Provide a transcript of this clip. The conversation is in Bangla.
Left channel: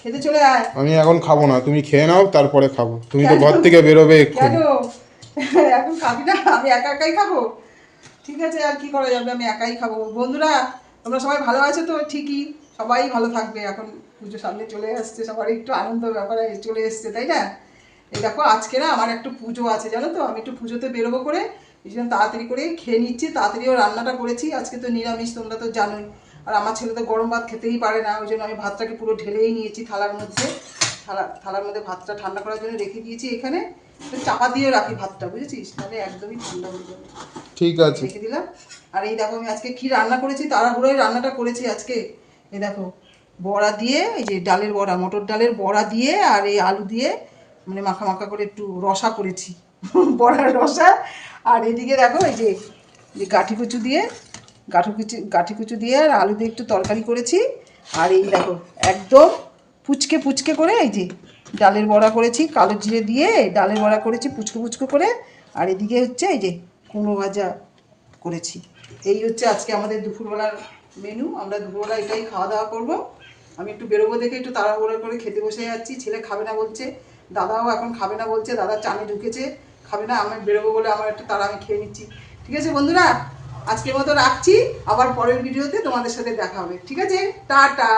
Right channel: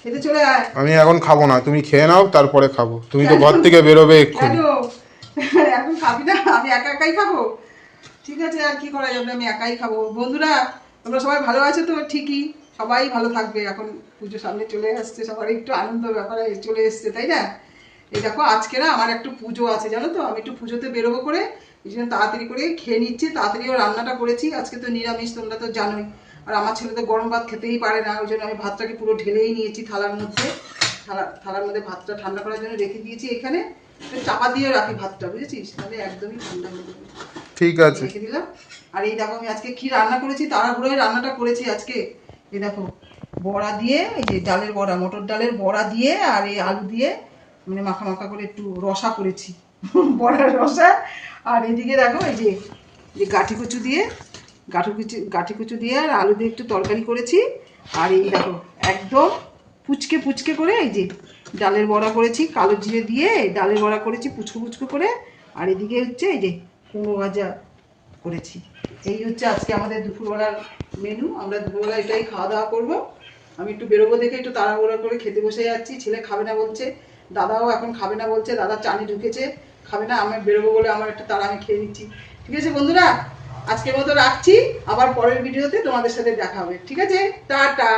খেতে চলে আয়। আমি এখন খাবো না, তুমি খেয়ে নাও তারপরে খাবো। তুমি তো ঘর থেকে বেরোবে এক্ষুনি। এখন খাবি না? আমি একা একাই খাবো? ঠিক আছে, আর কি করা যাবে, আমি একাই খাবো। বন্ধুরা তোমরা সবাই ভালো আছো তো? ঠিকই, সবাই ভালো থাকবে। এখন পুজো সামনে চলে আসছে, সবার একটু আনন্দ ব্যাপারে চলে এসছে, তাই না? এই দেখো আজকে না আমার একটু পুজো আছে জানো তো, আমি একটু পুজোতে বেরোবো করে এই জন্য তাড়াতাড়ি করে খেয়ে নিচ্ছি। তাড়াতাড়িও রান্নাটা করেছি, আজকে তো নিরামিষ, তোমরা তো জানোই। আর আমার ছেলে তো গরম ভাত খেতেই পারে না, ওই জন্য আমি ভাতটাকে পুরো ঢেলেই নিয়েছি থালার মধ্যে। থালার মধ্যে ভাতটা ঠান্ডা করার জন্য রেখে দিয়েছি এখানে। চাপা দিয়ে রাখি ভাতটা, বুঝেছিস, তাহলে একদমই ঠান্ডা হয়ে যাবে। ঠিক আছে, রেখে দিলাম। আর এই দেখো আমি আজকে কি রান্না করেছি, তাড়াহুড়োয় রান্নাটা করেছি আজকে। এই দেখো বড়া দিয়ে, এই যে ডালের বড়া, মটর ডালের বড়া দিয়ে আর এই আলু দিয়ে মানে মাখা মাখা করে একটু রসা করেছি বড়ার রসা। আর এদিকে দেখো এই যে গাঠি কচু দিয়ে, গাঠি কচু দিয়ে আর আলু দিয়ে একটু তরকারি করেছি। আর এই দেখো একদম পুচকে পুচকে করে এই যে ডালের বড়া করেছি, কালো জিরে দিয়ে ডালের বড়া করেছি পুচকো পুচকো করে। আর এদিকে হচ্ছে এই যে কুমড়ো ভাজা করেছি। এই হচ্ছে আজকে আমাদের দুপুরবেলার মেনু। আমরা দুপুরবেলা এটাই খাওয়া দাওয়া করবো। আমি একটু বেরোবো দেখে একটু তাড়াহুড়ো করে খেতে বসে যাচ্ছি। ছেলে খাবে না বলছে, দাদাও এখন খাবে না বলছে, দাদা চানে ঢুকেছে, খাবে না। আমি বেরোবো বলে আমার একটা তাড়া, আমি খেয়ে নিচ্ছি। ঠিক আছে বন্ধুরা, আজকের মতো রাখছি, আবার পরের ভিডিওতে তোমাদের সাথে দেখা হবে। ঠিক আছে, টাটা।